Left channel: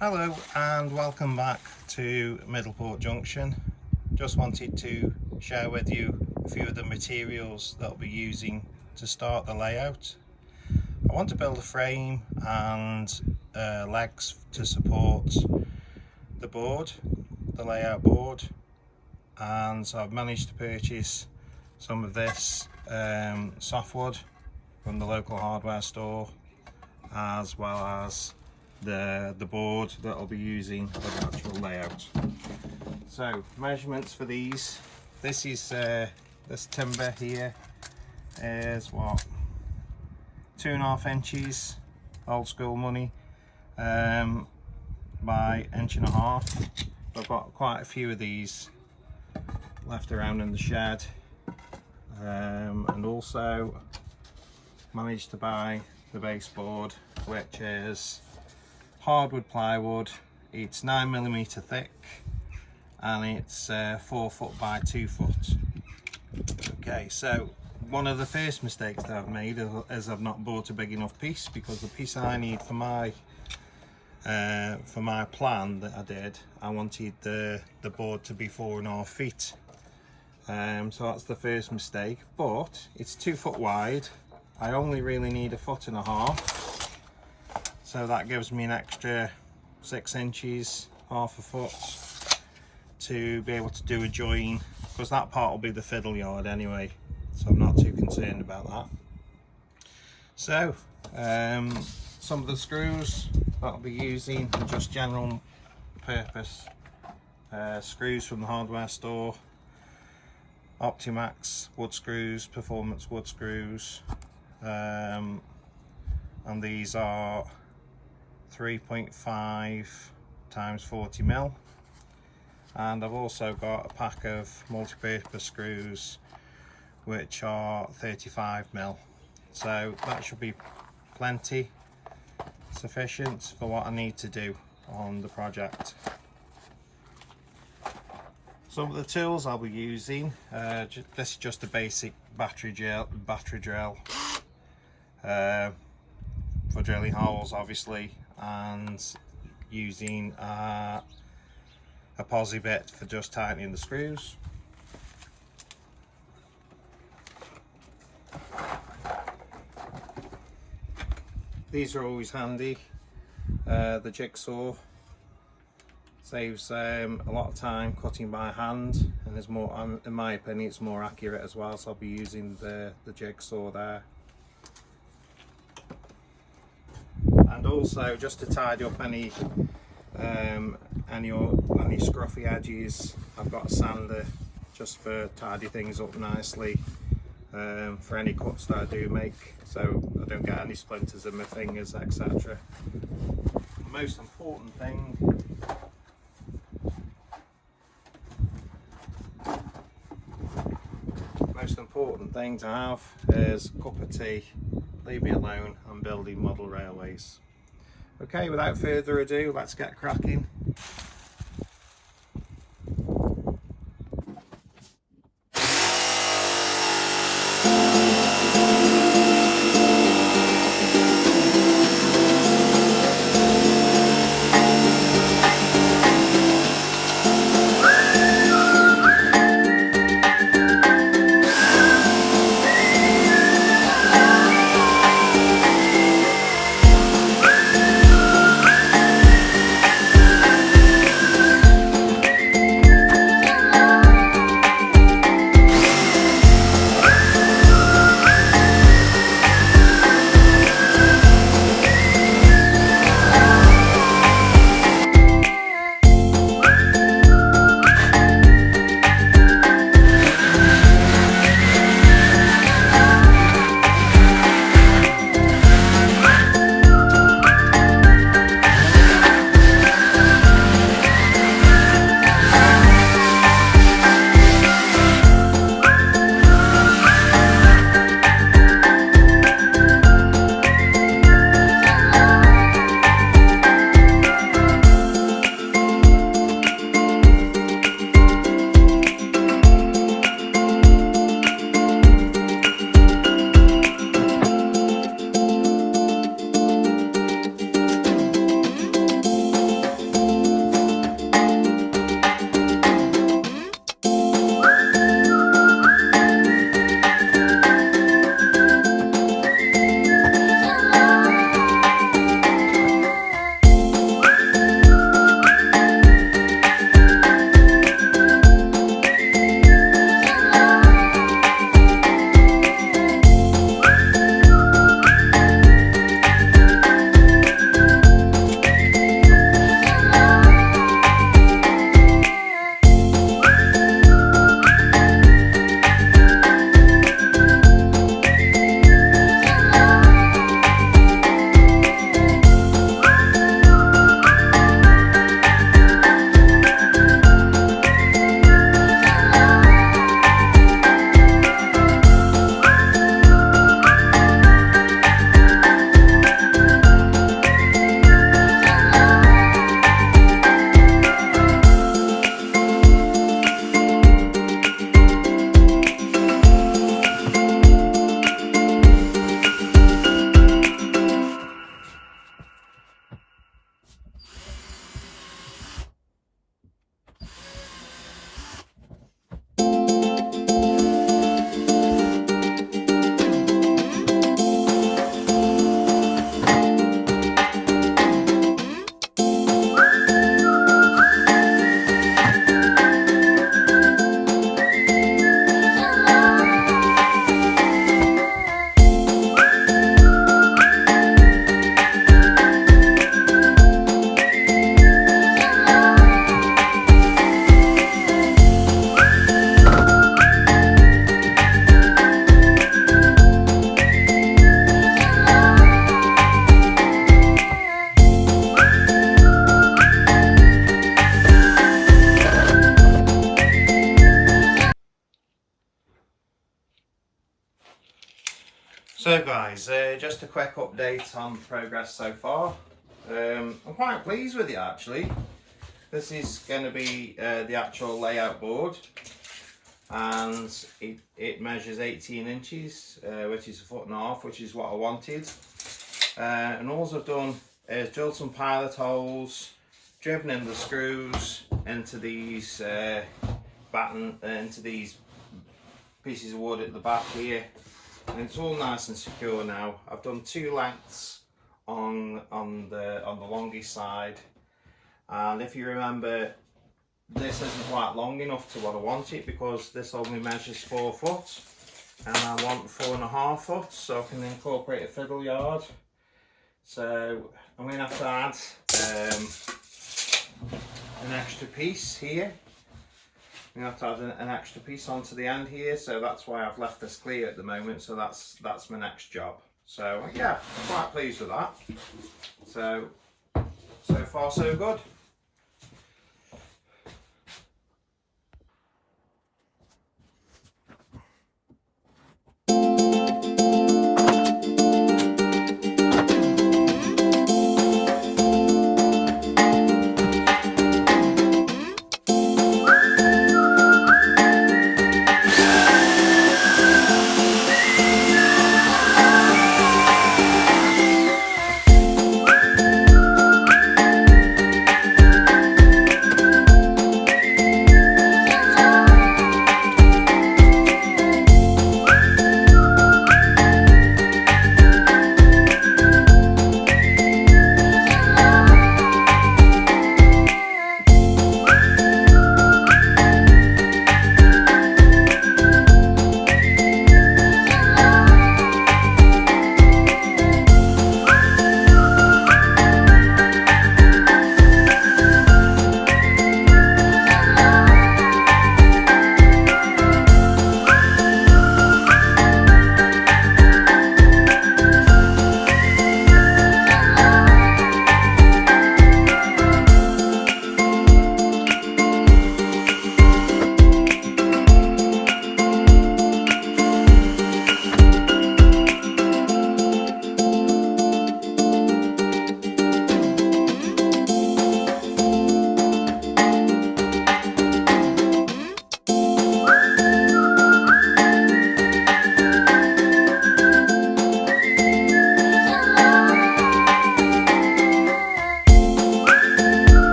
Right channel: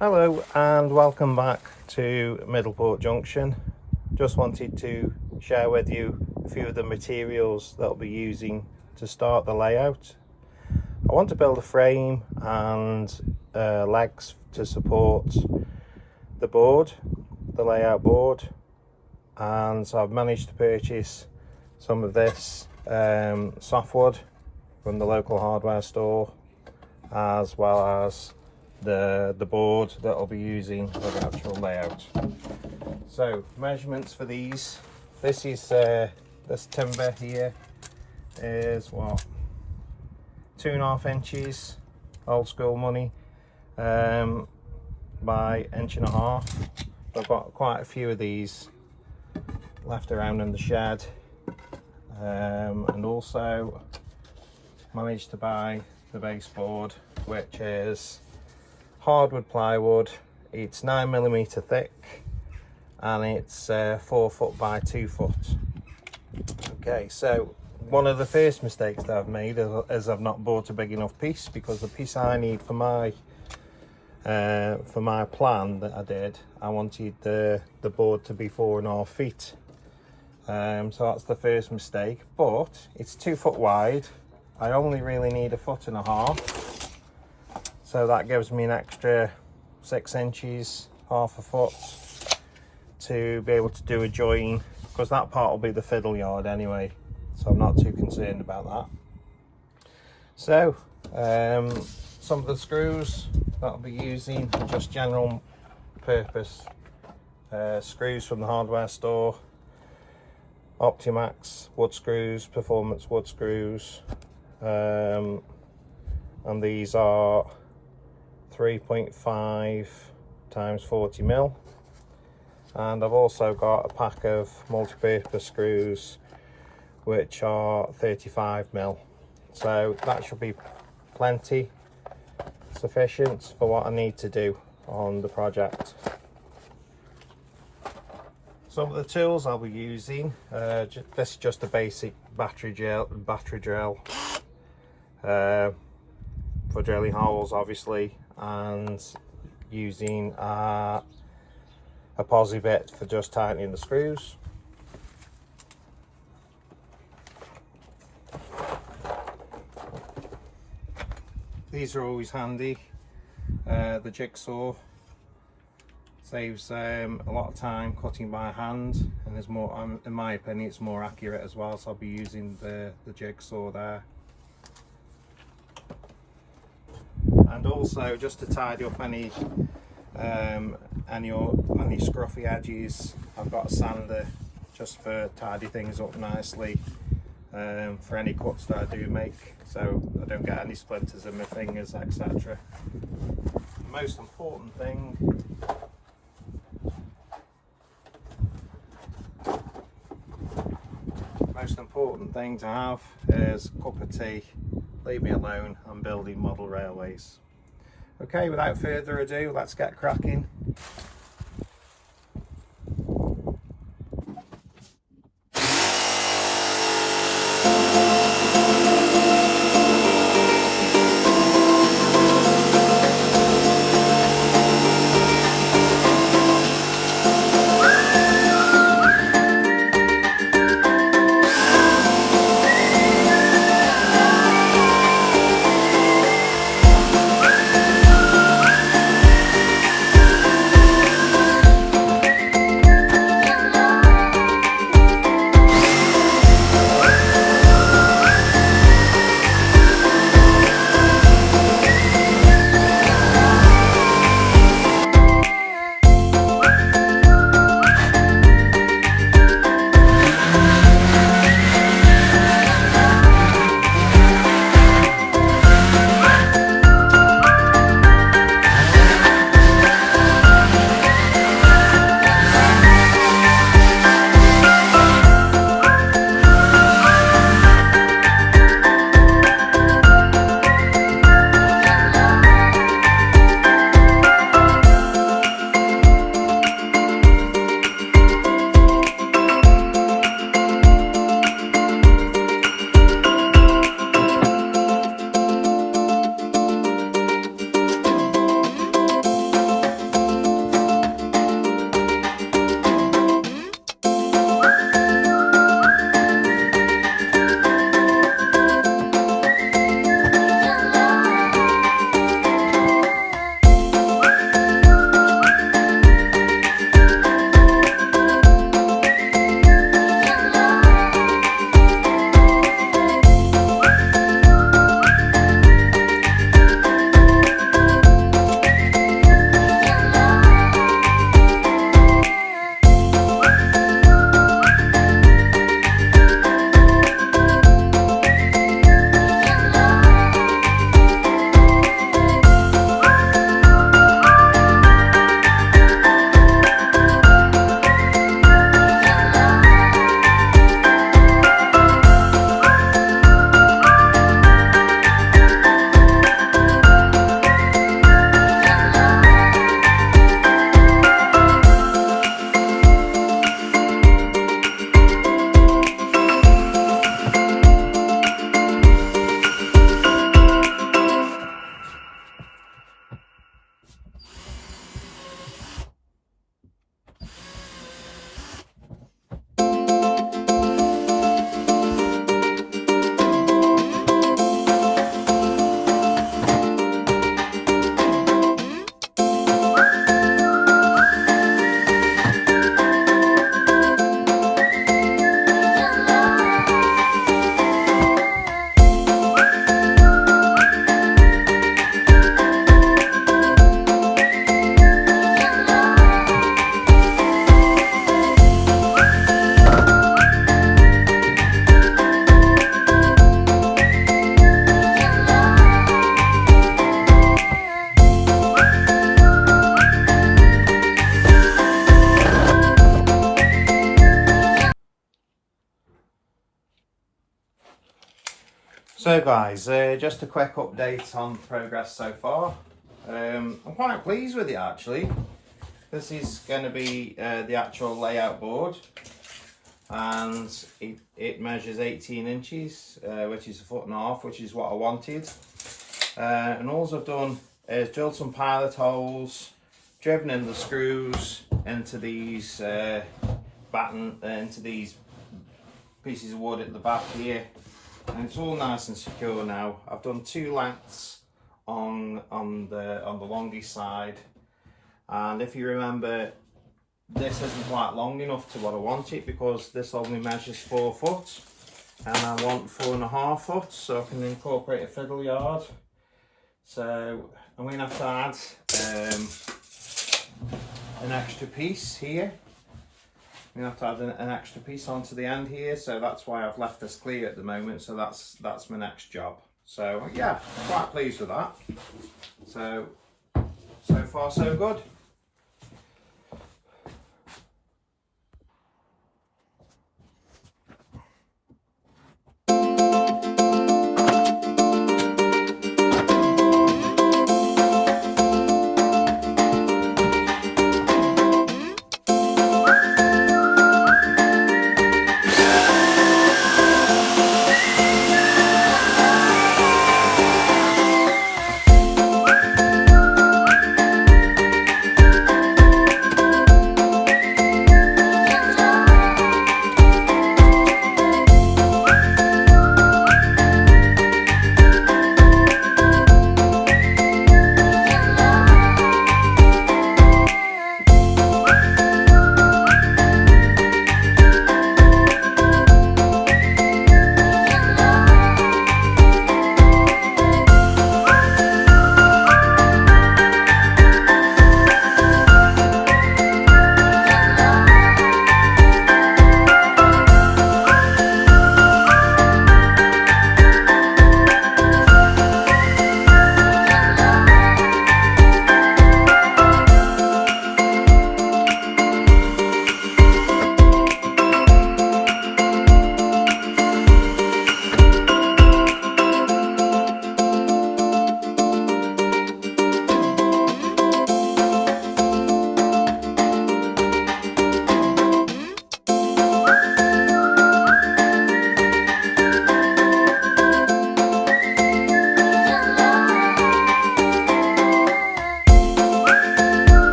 Hello and welcome back to Middleport Junction. Just wanted to share with you a few of the materials that I'll be using to start the layout. I want to build a frame and legs to support the board, the layout board, and so I've managed to purchase some of this softwood from the local hardware store, as well as the board that I'll be using for the actual layout. So measurements for these, this is this timber here is what, 2.5 inches, old school money, by 1.5 inches. I've got quite a few of these left around in the shed, and also managed to buy the baseboard, which is hardwood plywood. It's 9mm thick and it's 4 foot by 2 foot. Okay, so one of the first mistakes that I've made is I've not bought a big enough piece, because the piece I need for my plan that I did, I wanted the board to be 4.5 feet. So that's the first mistake, but it's 2 foot wide. I only really need 1.5 foot. So that gives me an extra 6 inches, half a foot, to be able to do a join, because that part will be the fiddle yard anyway, so I'm not too concerned about that. So some of the screws that I'll be using are just general purpose screws from the hardware store. Optimax wood screws, performance wood screws, and these are 3.5 times 40mm, and I've also got a pack of multi-purpose screws which are 35mm, so that should be plenty sufficient for what I need to do on the project. Some of the tools I'll be using, this is just a basic battery drill for drilling holes obviously, and using a posi bit for just tightening the screws. These are always handy. The jigsaw saves a lot of time cutting by hand, and there's more, in my opinion, it's more accurate as well, so I'll be using the jigsaw there. And also, just to tidy up any scruffy edges, I've got a sander just for tidy things up nicely, for any cuts that I do make, so I don't get any splinters in my fingers, etc. The most important thing to have is a cup of tea. Leave me alone, I'm building model railways. Okay, without further ado, let's get cracking. So guys, just a quick update on progress so far. I'm quite pleased with it actually. This is going to be the actual layout board, and it measures 18 inches, which is 1.5 foot, which is what I wanted. And all I've done is drilled some pilot holes, driven in the screws into these into these pieces of wood at the back here, and it's all nice and secure now. I've done 2 lengths on the longest side, and if you remember, this isn't quite long enough to what I want it, because this only measures 4 foot and I want 4.5 foot, so I can incorporate a fiddle yard. So I'm going to have to add an extra piece here. I'm going to have to add an extra piece onto the end here, so that's why I've left this clear at the moment. So that's my next job. So yeah, quite pleased with that. So far so good.